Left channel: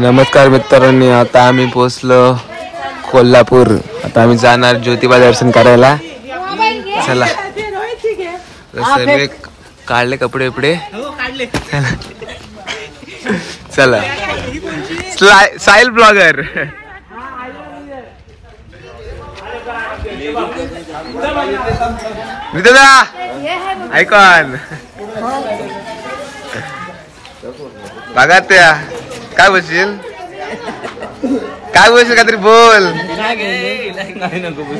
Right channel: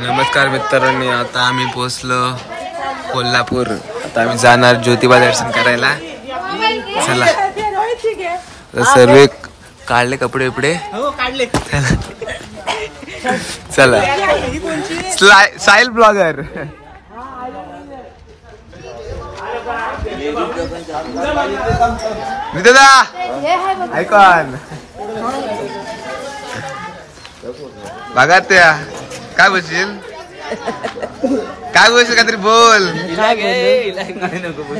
नमस्कार मित्रांनो, आता आम्ही पोहोचलो कोल्हापूर. आता आम्ही जाणार ज्योतिबा दर्शन करायला. चला सर्व काढले कपडे बिपडे. चला साहिल ब्लॉगर. दादा ऐकॉन बघा त्या काय बोलशील काहीतरी बोल.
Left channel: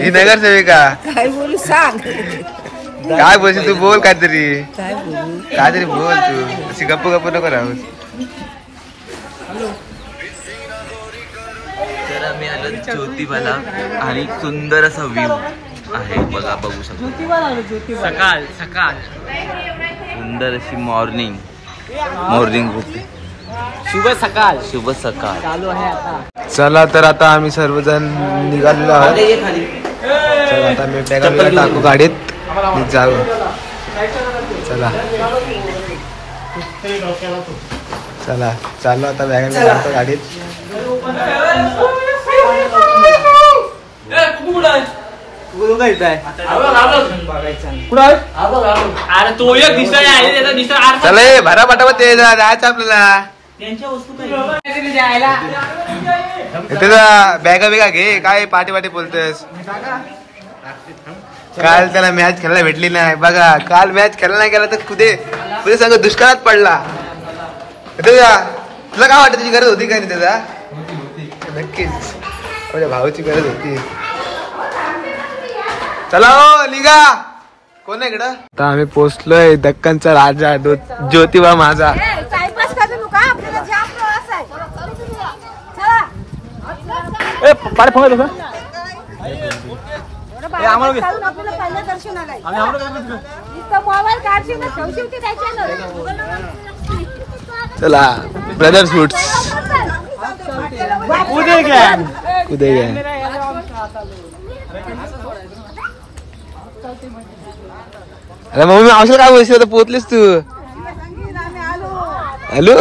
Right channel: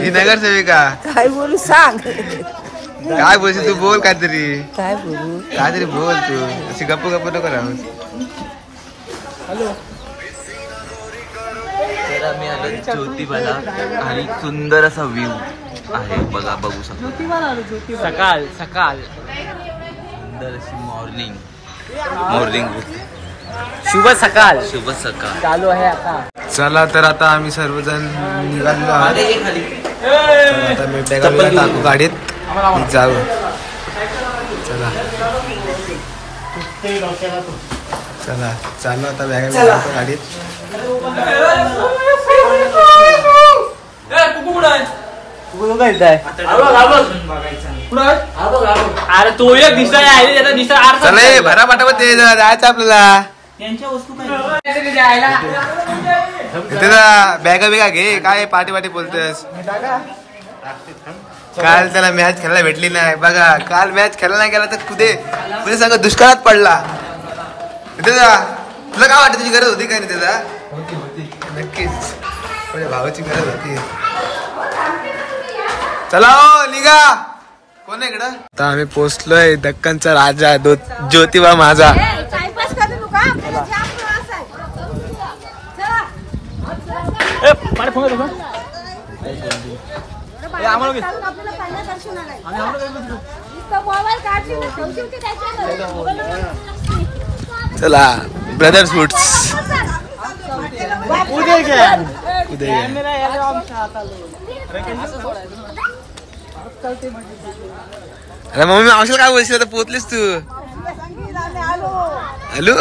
ही नगरसेविका काय बोलू सांग. काय बोलशील तू, बोल काहीतरी बोल तू. अशी गप्प नको राहूस. मी आलो ज्योतिबाला आणि सुंदर असा व्ह्यू आहे बघा, बघू शकतो. सकाळ सुंदर अशी मॉर्निंग शुभ सकाळ चालू आहे आता. चला तर आता आम्ही सर्वजण निघालेलो आहोत. तर आता मी बॅगा टाकू गाडीत, मी जाऊ. चला चाललो आता, बॅगा टाकतो गाडीत. चला भरा पाठावत ते जायचं आपल्याला. बॅगा बिगा घे. काय पाठी बोलतोस. काल त्याला मॅच खेळायला भेटली नाही बघा. काल मॅच खेळायला नाही गेला तर कुठे सांग दुष्काळात पडला. तुला काय वाटतं, तुझी गरज होती काय नाही त्याचा? नक्कीच माझ्या भावाची गरज होती. चला हो निघा. कोण आहे इकडं? आता आम्ही पोहोचलोय दक्कनचा राजा ज्योतिबा माझा. चला ब्रदर्स फूड्स उदय गॅन. अरे मम्मी औषध काय बोलशील, तर पोचलीस तू. हॅलो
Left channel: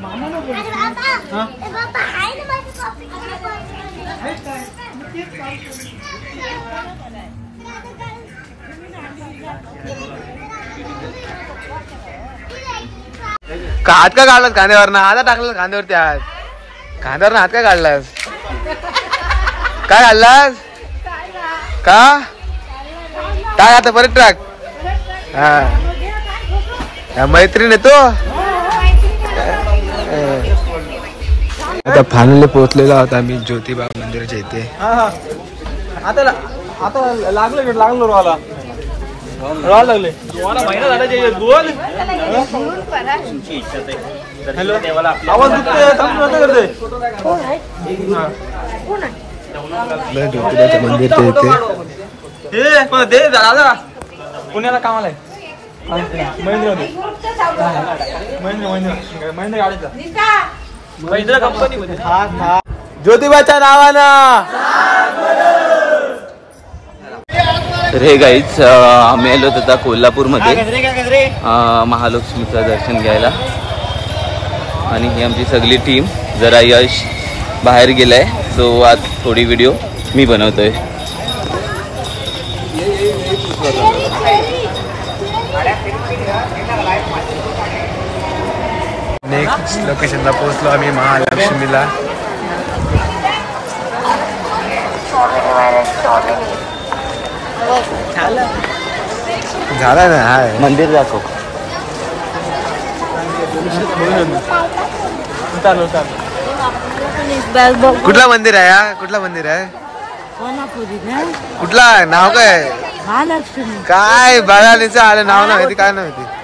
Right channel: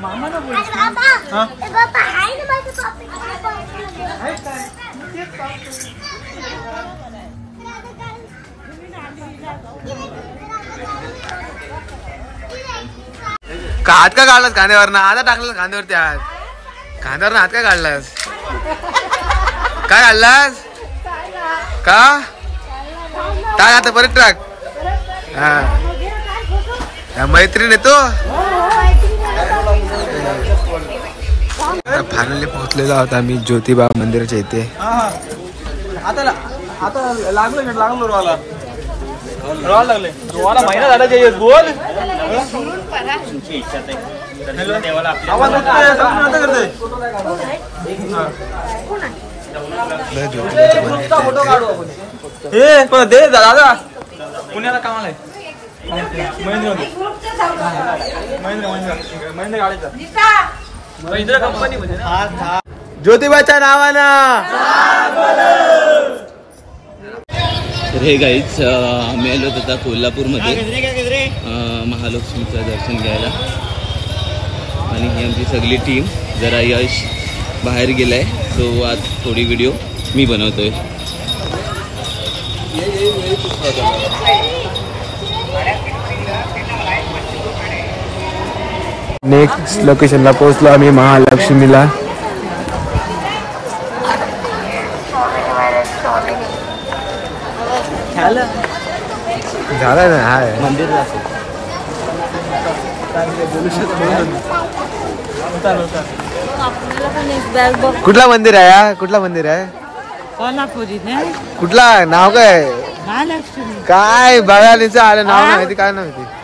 मामा ना बोलीस हात का काढलास कांद्यावर ना? आता टाकलं कांद्यावरती हात. कांद्यावर हात का काढलास? काय काढलास का? टाक आता परत टाक. हा मैत्रीण येतो. आता फायनली पोहोचलेलो आहोत आम्ही ज्योतिबा मंदिराच्या इथे. ज्योतिबाचं मंदिर इथे. दादा पुण्याला कामाला आहे. महेंद्र कंपनी मध्ये ज्योतिबाच्या नावानं. तर हे गाईच आम्ही आलो होतो कोल्हापूरमध्ये महालक्ष्मीचं दर्शन घ्यायला. आणि ही आमची सगळी टीम. जरा यश बाहेर गेलाय, सो आज थोडी व्हिडिओ मी बनवतोय. नेक्स्ट लोकेशनला पोहोचलो आम्ही महालक्ष्मीला. झालं ना. हाय मंदिर दाखव. कुठला मंदिर आहे? कुठला मंदिर आहे? कोल्हापुरी. कुठला नाव काय? महालक्ष्मी. काय बघायला आलं नाव नाही माहिती. काय नाही माहिती.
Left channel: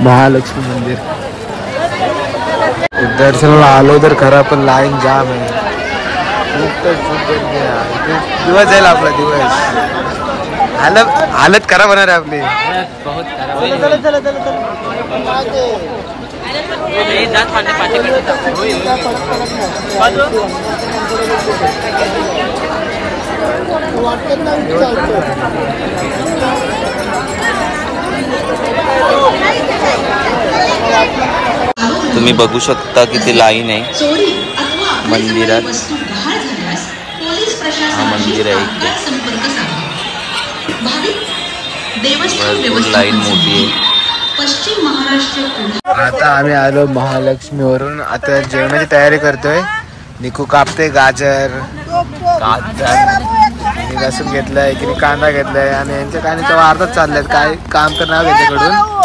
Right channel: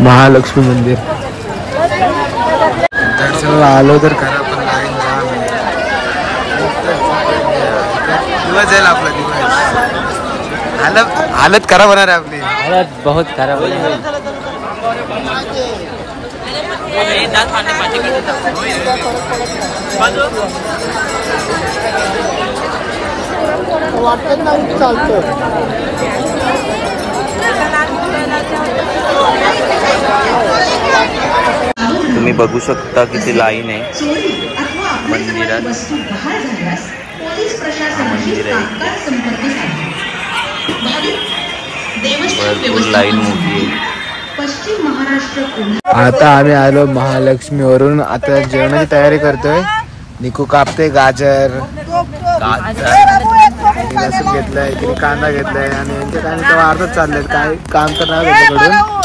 महालक्ष्मी मंदिर दर्शनाला आलो तर खरा, पण लाईन जाम आहे. दिवस जाईल आपला, दिवस हालत खराब होणार आहे आपली, बहुत खराब होईल. तुम्ही बघू शकता किती लाईन आहे मंदिरात. हा मंदिर आहे, भरपूर लाईन मोठी आहे. आता आम्ही आलो महालक्ष्मी वरून. आता जेवणाची तयारी करतोय. निकू कापते गाजर, लसूण घेतलाय, एकीने कांदा घेतलाय आणि यांच्या काही तेव्हा अर्धच चाललेत. काय काम तर नाही त्याच्याकडून.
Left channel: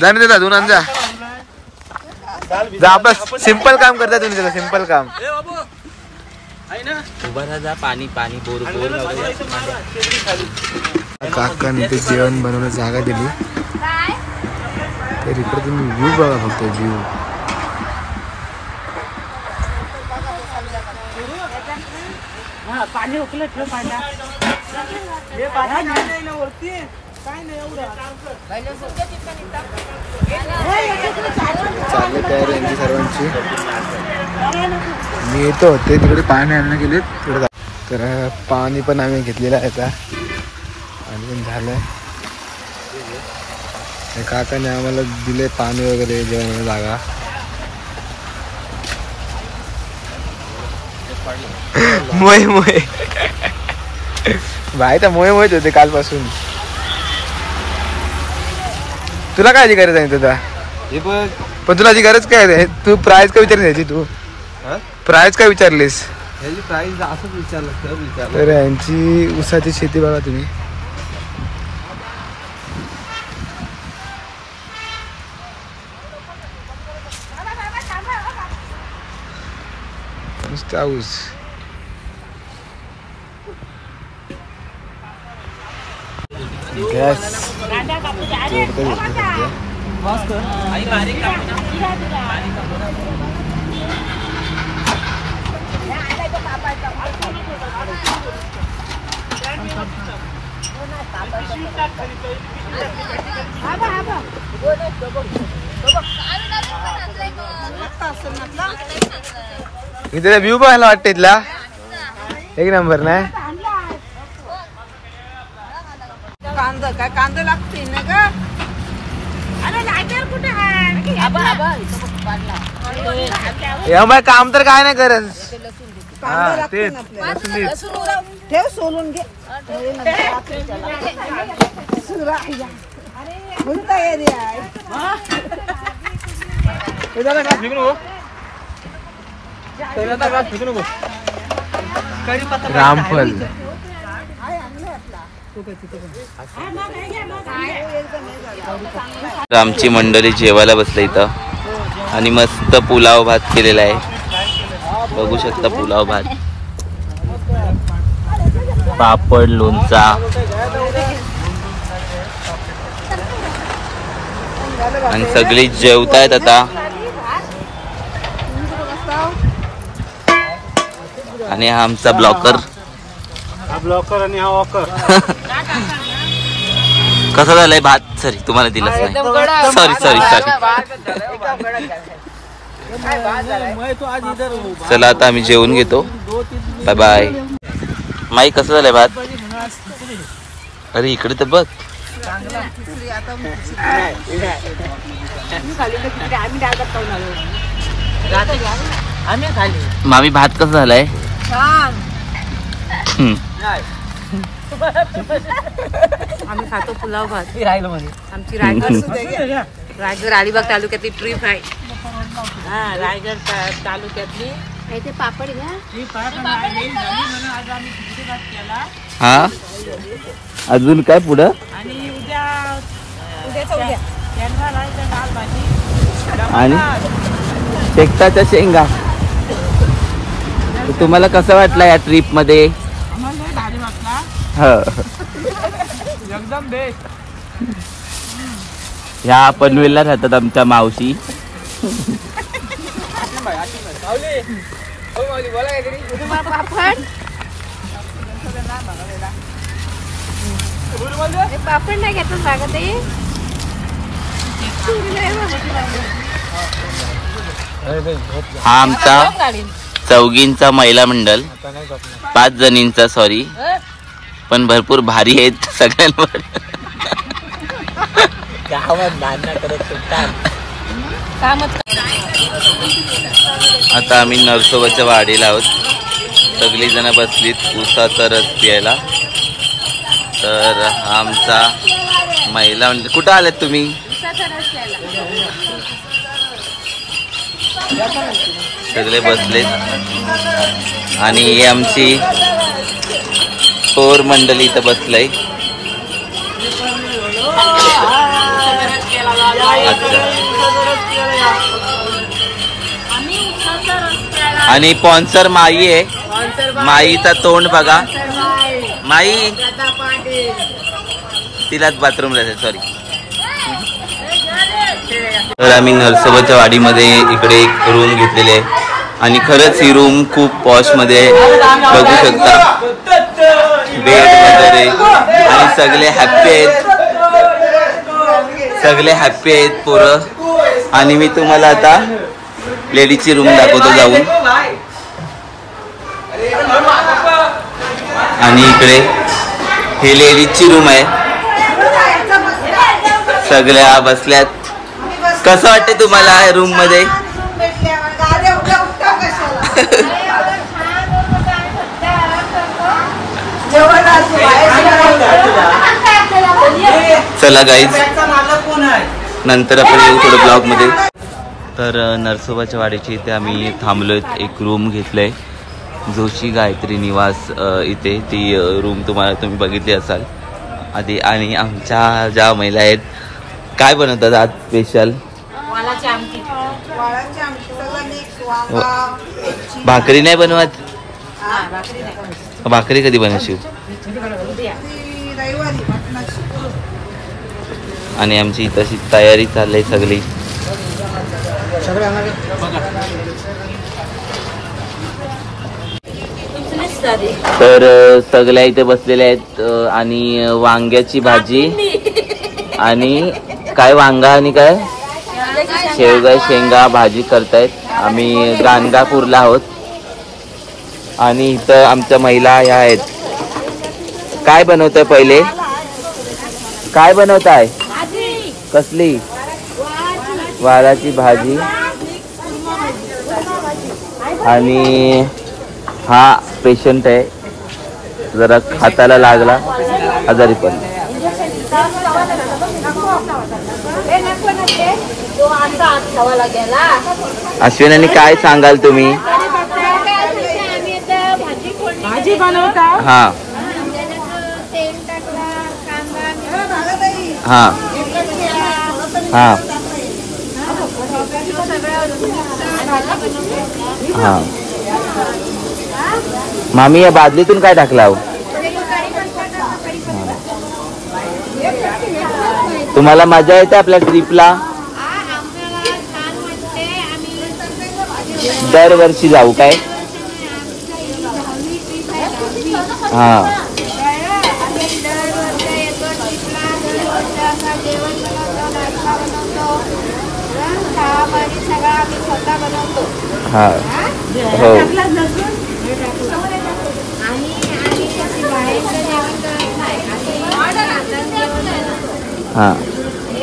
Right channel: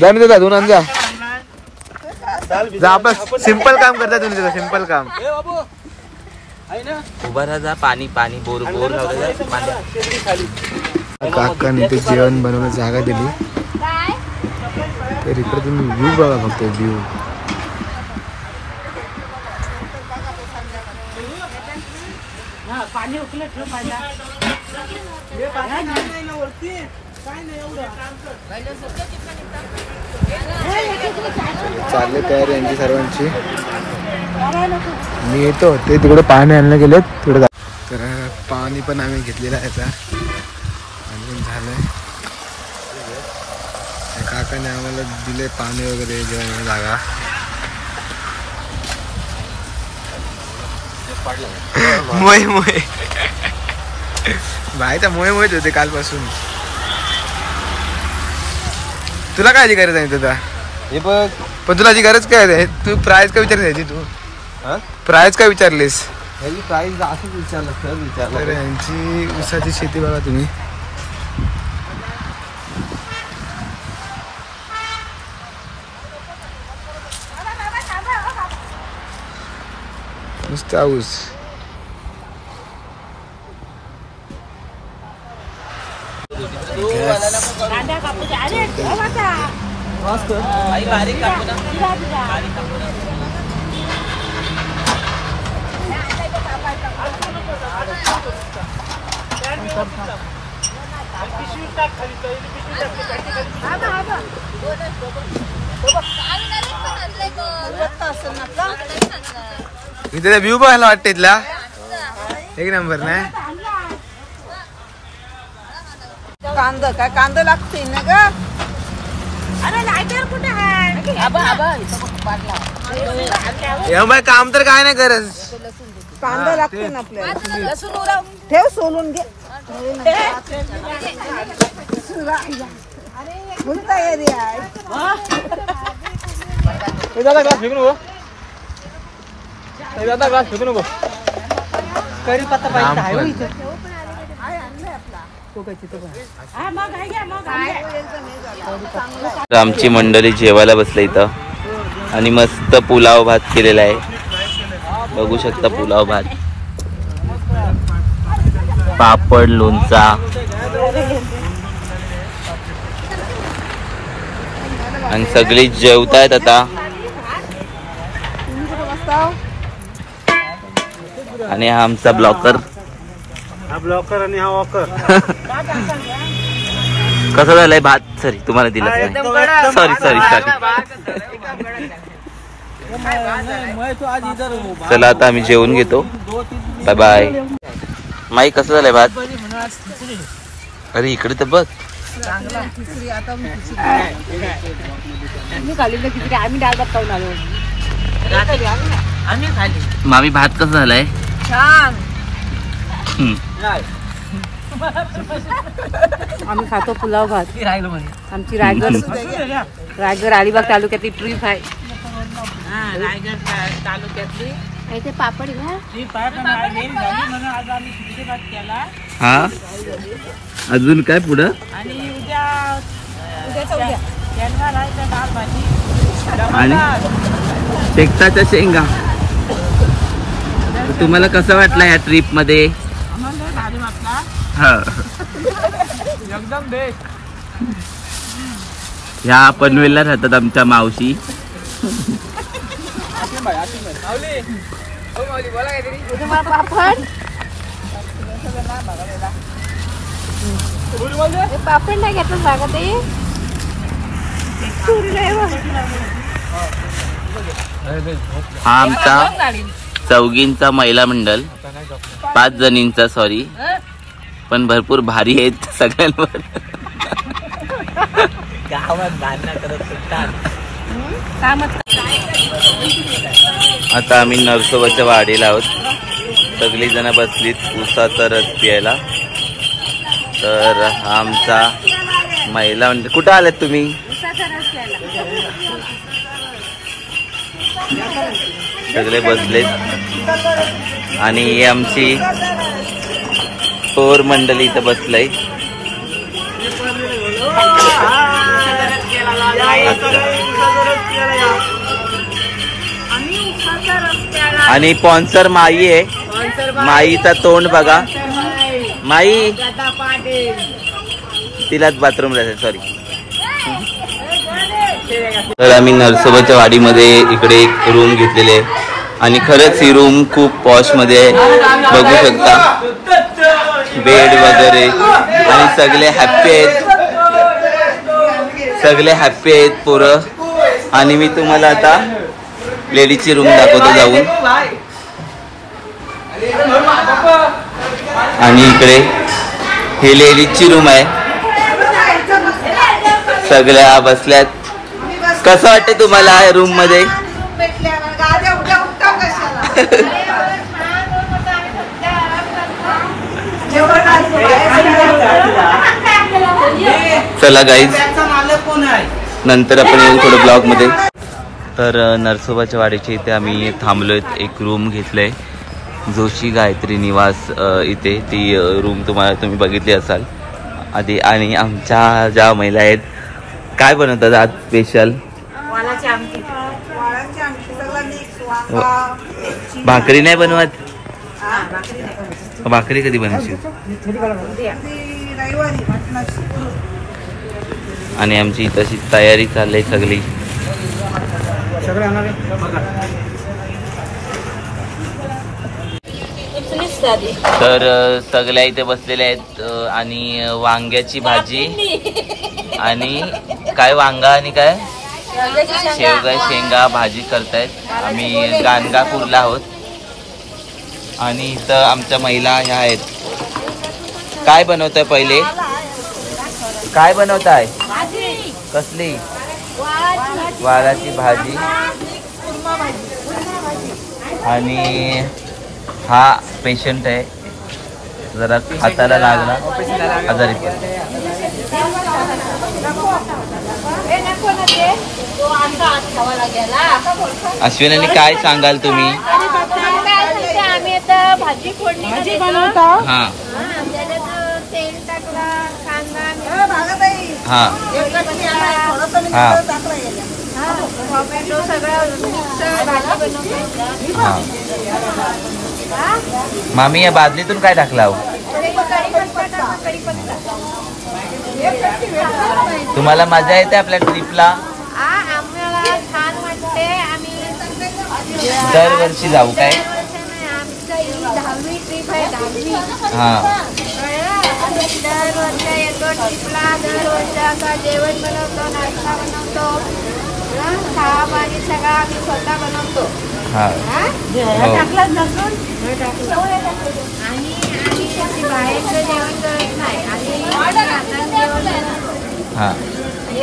जाणून देता धुवून जा. आपलं सिंपल काम करता तुम्ही, त्याचं सिंपल काम. उभा राहा, पाणी पाणी बोर बोर काकाने ते जेवण बनवण्याची जागा दिली. तर इकडे तुम्ही व्ह्यू बघा, फक्त व्ह्यू. चालले तयारी यांची सर्वांची. मी येतो ते तिकडे पाणी आणलं गेलो तिकडे. तर पाणी पण आम्ही घेतलेलं आहे आता, पाणी पण झालंय. काकाने आम्हाला दिले पाणी वगैरे, जेवणाला जागा. मोय मोय भाई तर मोय मोयच होते कालपासून. तुला काय गरज आहे तुझा? पण तुला जी गरज काय आहे? तू प्राइस काय विचारली याची? तू प्राइस काय विचारलीस? प्राइस असंच विचारलं. तर यांची ऊसाची शेती बघा तुम्ही. नुसता ऊस. गॅस इथे व्ह्यू बघायला वाटते इथला एक नंबर नाही. कांदा काय कांदा लागते ना ग. काम तर काय नाही करत. कांदा लागते ना आपल्याला. ठेव सोलून घे. रामफल आमची मंडळी जेवायला बसले इथं आणि मस्त पुलाव भात केलेला आहे. बघू शकता पुलाव भात, पापड, लोणचा. आणि सगळी जेवतायत आता. आणि हा आमचा ब्लॉकर. आणि हा वॉकर. कसा झालाय भात? सॉरी तुम्हाला दिलंच नाही. Sorry sorry sorry. चला आता आम्ही जेवून घेतो. Bye bye. माई कसं झालंय भात? अरे इकडे तर बघ. मामी भात कसं झालाय? आम्ही खातो पुलाव भात. आमची रायगड अलिबाग तालुक्यातली ट्रिप आहे. रायगड तालुक्यातली ते पापड ना हा अजून काय पुढं आणि आणि शेकताच्या शेंगा. तुम्हाला कसं वाटलं या ट्रिप मध्ये? एकदम बेस्ट. ह्या पनवेलला राहतात आमच्या मावशी. पापड नाही घेतलं जागा ते हा आमचा चौघींचा महिला मंडळ, 5 जणींचा सॉरी, पण भरपूर भारी आहेत सगळ्यांवर. आता आम्ही नरसोबाच्या वाडीला आहोत. सगळी जण बसलीत उसाचा रस प्यायला. तर हा आमचा महिला मंडळ. कुठं आलात तुम्ही? सगळे बसलेत आणि ही आमची पोर मंडळी इथं बसलंय. अच्छा. आणि स्पॉन्सर माई आहे. माईचा तोंड बघा. माई तिलाच बाथरूम राहते सॉरी. तर आम्ही नरसोबाच्या वाडीमध्ये इकडे एक रूम घेतलेली आहे आणि खरंच ही रूम खूप पॉश मध्ये आहे. बघू शकता बेड वगैरे आणि सगळे हॅप्पी आहेत. सगळे हॅप्पी आहेत पोरं. आणि मी तुम्हाला आता लेडीजची रूम दाखवतो जाऊन. आणि इकडे हे लेडीजची रूम आहे. सगळ्या बसल्यात. कसं वाटतं तुम्हाला रूम मध्ये? चला गाईज नंतर आपण येऊ थोडं ब्लॉग मध्ये. तर नरसोबाच्या वाडीच्या इथे आम्ही थांबलोय. एक रूम घेतलंय जोशी गायत्री निवास इथे. ती रूम तुम्ही बघितली असाल आधी. आणि आमच्या ज्या महिला आहेत काय बनवतात आज स्पेशल? भाकरी नाही बनवत? भाकरी कधी बनवशील? आणि आमची तशी तयारी चालली सगळी. तर सगळ्या इथे बसलेल्या आहेत. आणि वांग्याची भाजी आणि काय वांगा आणि काय शेवगा शेंगा भाजी करतायत. आम्ही गाणगापूरला आहोत. आणि इथं आमच्या महिला ह्या आहेत. काय बनवताय पहिले? काय बनवताय? कसली? वालाची भाजी. आणि हा पेशंट आहे जरा हाताला लागला आजारी पण. अश्विनी काय सांगाल तुम्ही? भाजी बनवता. हा हा हा मामी या बादलीतून काय टाकला? तुम्हाला मजा येते आपल्या ट्रिपला? दरवर्षी जाऊ काय? हा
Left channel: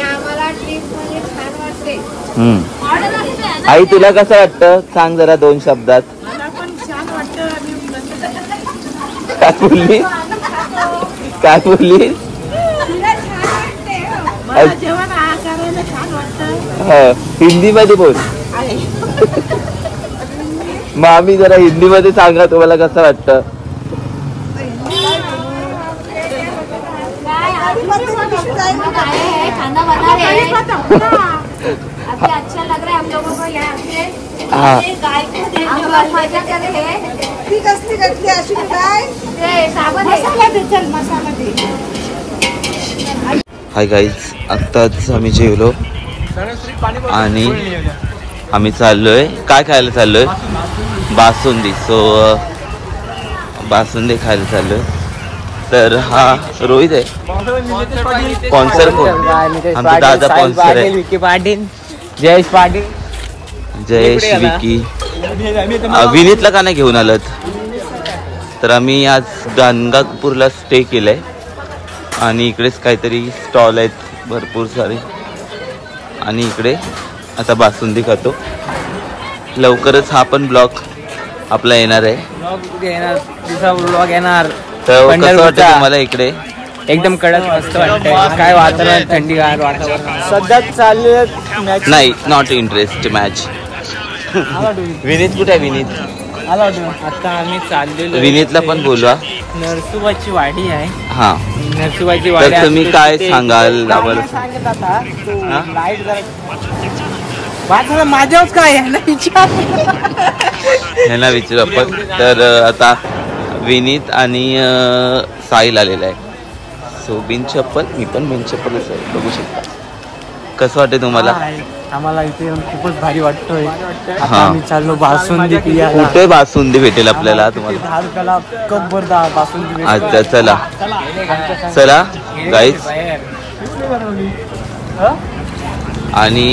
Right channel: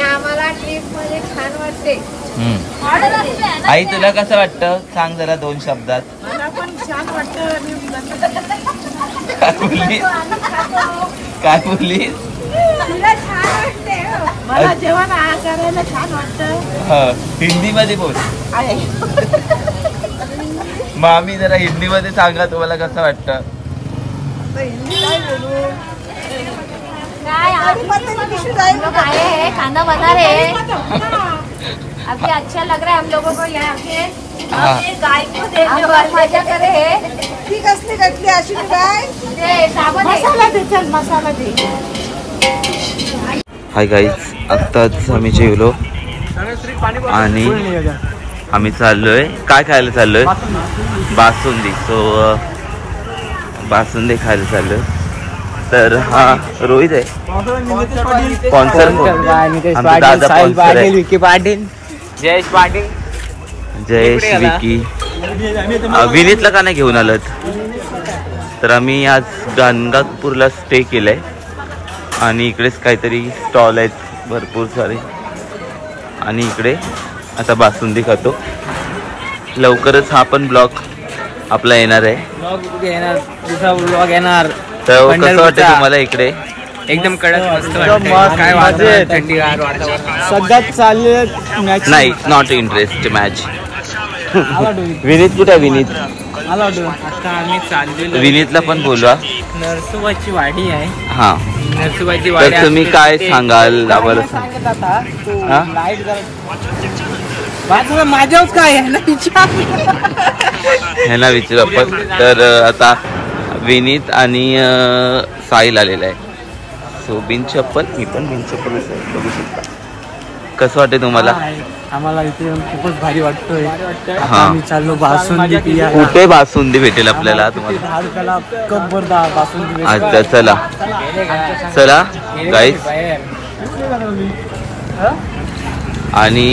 आम्हाला ट्रिप मध्ये छान वाटते. आई तुला कसं वाटतं सांग जरा 2 शब्दात. मला पण छान वाटतं. काय बोलली? काय बोलली? मला जेवण करायला छान वाटतं. हिंदी मध्ये बोल. मग आम्ही जरा हिंदीमध्ये सांगा तुम्हाला कसं वाटतं. खाना बना रहे हैं अभी अच्छा लग रहा है हम लोगों को यहाँ के गाय को मजा कर रहे हैं. ठीक असली घातली अश्विनी बाय मसाला दे चल मसाला दे. हाय गाईज, आत्ताच आम्ही जेवलो आणि आम्ही चाललोय काय खायला चाललोय बासुंदी. सो बासुंदी खायला चाललोय. तर हा रोहित आहे स्पॉन्सर कोण आमचा दादा स्पॉन्सर आहे विकी पाटील जयेश पाटील जयेश विकी. विनीतला का नाही घेऊन आलत. तर आम्ही आज गाणगापूरला स्टे केलाय आणि इकडेच काहीतरी स्टॉल आहेत भरपूर सारे आणि इकडे आता बासुंदी खातो. लवकरच हा पण ब्लॉग आपला येणार आहे. दुसरा ब्लॉग येणार. तर कसं वाटतं तुम्हाला इकडे. एकदम कडक मस्त वाटतंय. काय वातावरण थंडीगार सध्या चालू नाही नॉट इंटरेस्ट मॅच. विनीत कुठे आहे विनीत. आता आम्ही चाललेलो. विनीतला पण बोलवा. नरसुबाची वाडी आहे. हा नरसुबाची वाडी. तर तुम्ही काय सांगाल आम्हाला. सांगत आता लाईट जरा माझ्यावर काय ह्यांना विचारू आपण. तर आता विनीत आणि साहिल आलेला आहे. सो बिन चप्पल मी पण बिन चप्पलच आहे बघू शकता. कसं वाटतं तुम्हाला. आम्हाला इथे खूपच भारी वाटतोय. हा चाललो बासुंदी पियाला. कुठे बासुंदी भेटेल आपल्याला तुम्हाला. बासुंदी. अच्छा चला चला गाईज. आणि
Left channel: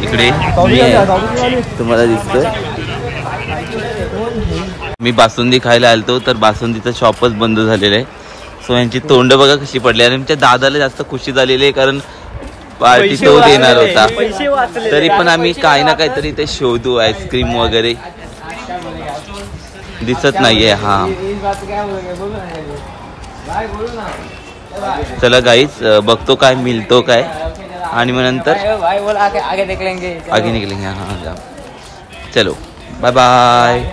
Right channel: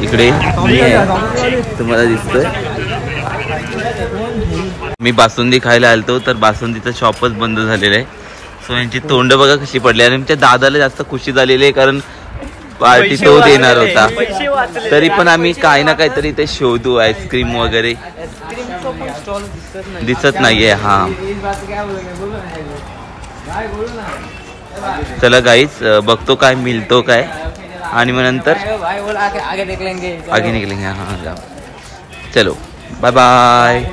इकडे मी आहे तुम्हाला दिसतोय. मी बासुंदी खायला आलतो तर बासुंदीचं शॉपच बंद झालेलं आहे. सो यांची तोंड बघा कशी पडली. आणि त्या दादाला जास्त खुशी झालेली आहे कारण पार्टी तो देणार होता. तरी पण आम्ही काही ना काहीतरी ते शोधू. आईस्क्रीम वगैरे दिसत नाहीये. हा चला गाईज बघतो काय मिळतो काय आणि मग नंतर आगे निकलेंगे. हा जा चलो बाय बाय.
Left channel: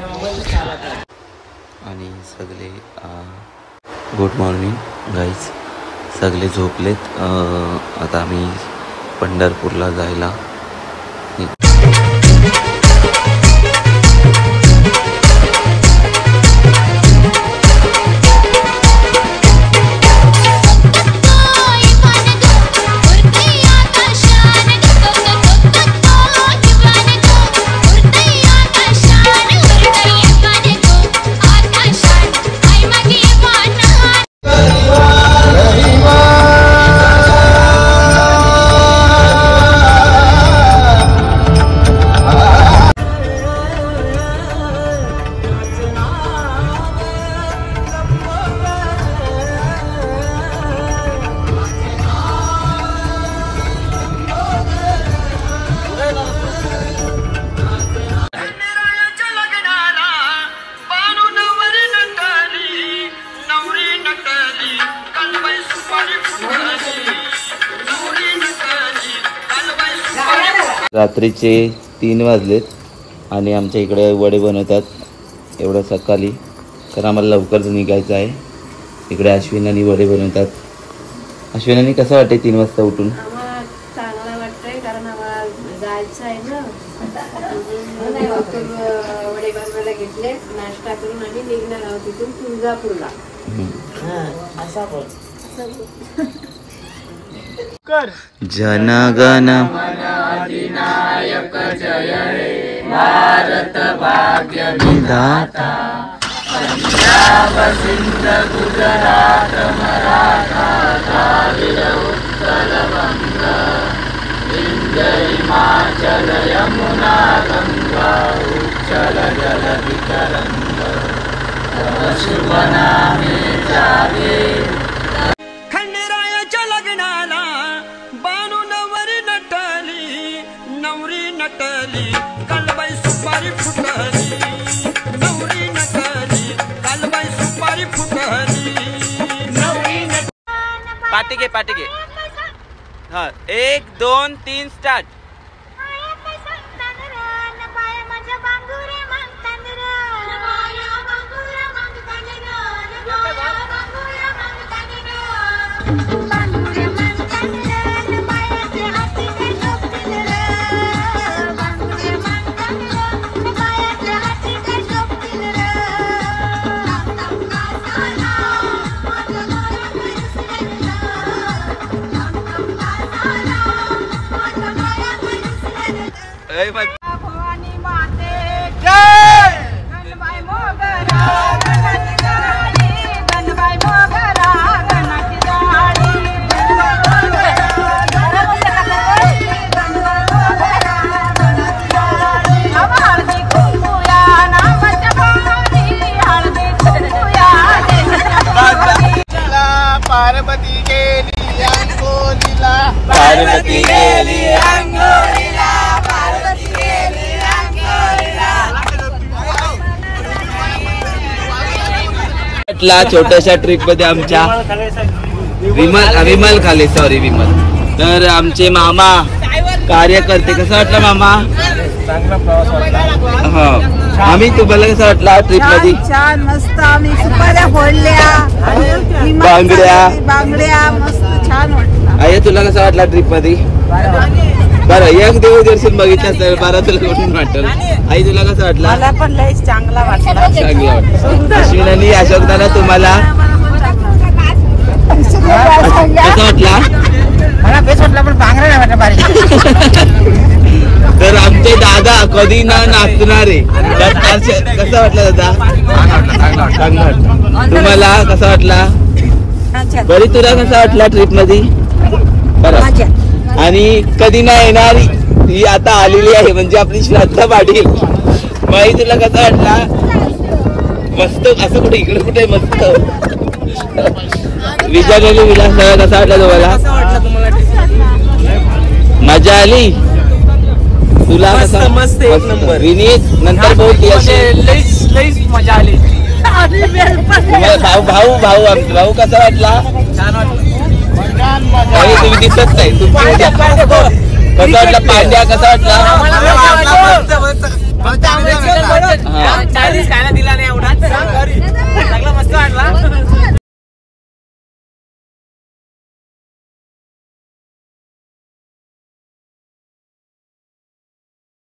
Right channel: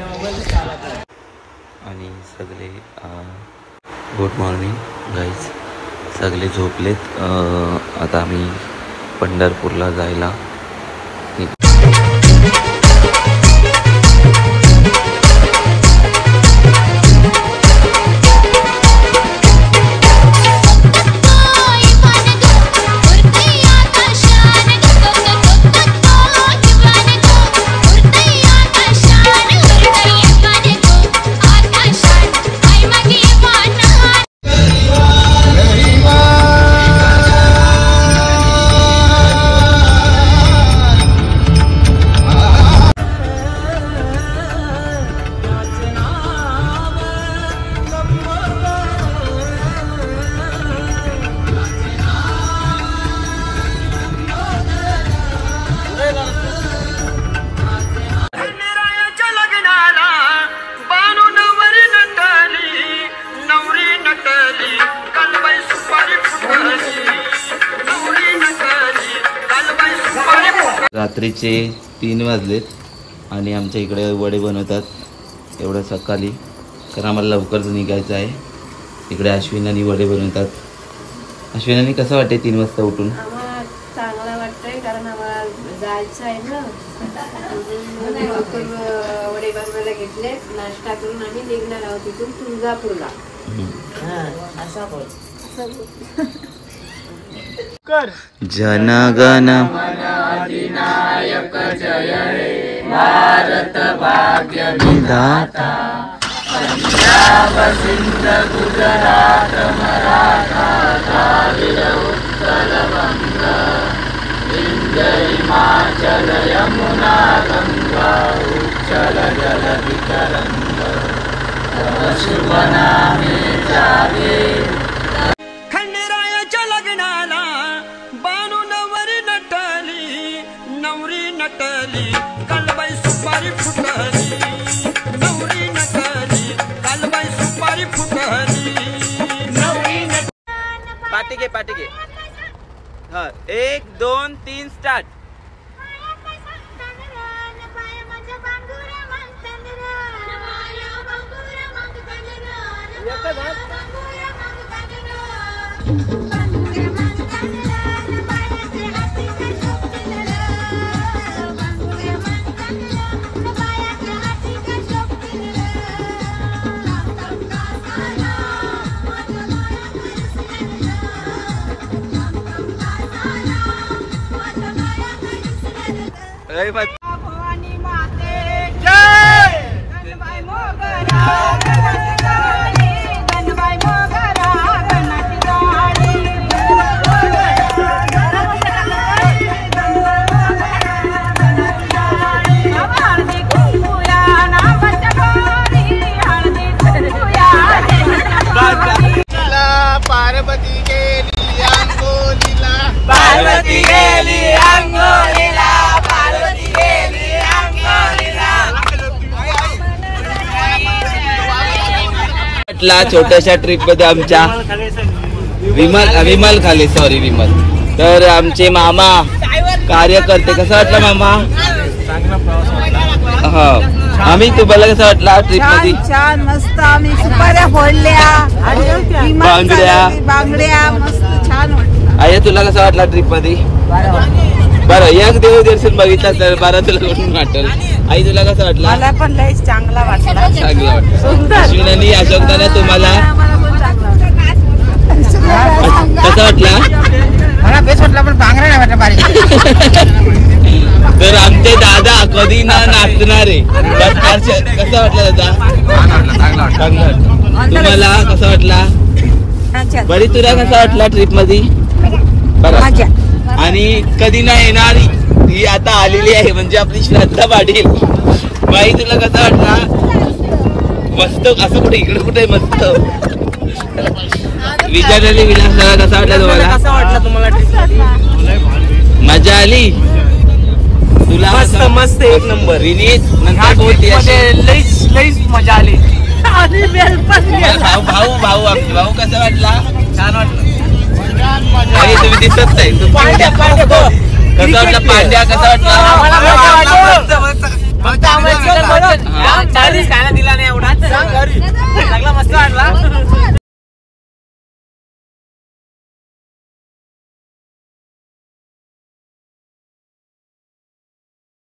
आणि सगळे गुड मॉर्निंग गाईज. सगळे झोपलेत. आता आम्ही पंढरपूरला जायला. रात्रीचे 3 वाजलेत आणि आमच्या इकडे वडे बनवतात एवढ्या सकाळी कारण आम्हाला लवकरच निघायचं आहे. इकडे अश्विनानी वडे बनवतात. अश्विनानी कसं वाटते 3 वाजता उठून. चांगला वाटतंय कारण आम्हाला जायचं आहे ना. वडे बनवायला घेतले. नाश्ता करून आम्ही निघणार आहोत तिथून तुळजापूरला. जनगण अधिनायक जय हे भारत भाग्य विधाता. पंजाब सिंध गुजरात मराठा द्राविड उत्कल बंग विंध्य हिमाचल यमुना गंगा उच्चल जलधि तरंग तव शुभ नामे जागे. पाटी घे. हा 1 2 3 स्टार्ट. भवानी माते जय गणबाई मोगरा गणाची गाडी गणबाई मोगरा गणाची गाडी हळदी कुंकुया नामाच्या पाणी हळदी कुंकुया पार्वती गेली अंगोलीला पार्वती गेली अंगोलीला छोट्याशा ट्रिप मध्ये आमच्या विमल खाली तर आमचे मामा कार्यकर्ते. कसं वाटलं मामा? चांगला प्रवास वाटला. आम्ही तुम्हाला कसं वाटला ट्रिप मध्ये? छान मस्त. आम्ही सुपाऱ्या फोडल्या बांगड्या मस्त छान वाटलं. आई तुला कसं वाटला ट्रिप मध्ये? बरं एक देवदर्शन बघितलं तर बरं तुला कुठून वाटलं? आई तुला कसं वाटलं? मला पण लय चांगला वाटला. चांगलं वाटलं. अश्विनी अशोकदाना तुम्हाला कसं वाटला? मला बेस वाटला पण बांगड्या नाही वाटलं बारीक. तर आमचे दादा कधी ना नाचणारे कसं वाटलं दादा? चांगलं वाटलं. तुम्हाला कसं वाटला? बरी तुला कसं वाटला ट्रिप मध्ये? बरं. आणि कधी नाही येणारी ही आता आलेली आहे म्हणजे आपली श्रद्धा पाटील. बाई तुला कसं वाटला? मस्त. असं कुठे इकडे कुठे मस्त विचारलेली विलास कसा वाटला तुम्हाला? मजा आली तुला? मस्त एक नंबर. विनीत नंतर बहुत लईच मजा आली. भाऊ भाऊ कसा वाटला? छान वाटलं. आणि तुम्ही दिसत नाही. कसं वाटलं पांड्या? कसा वाटला? दिला नाही एवढा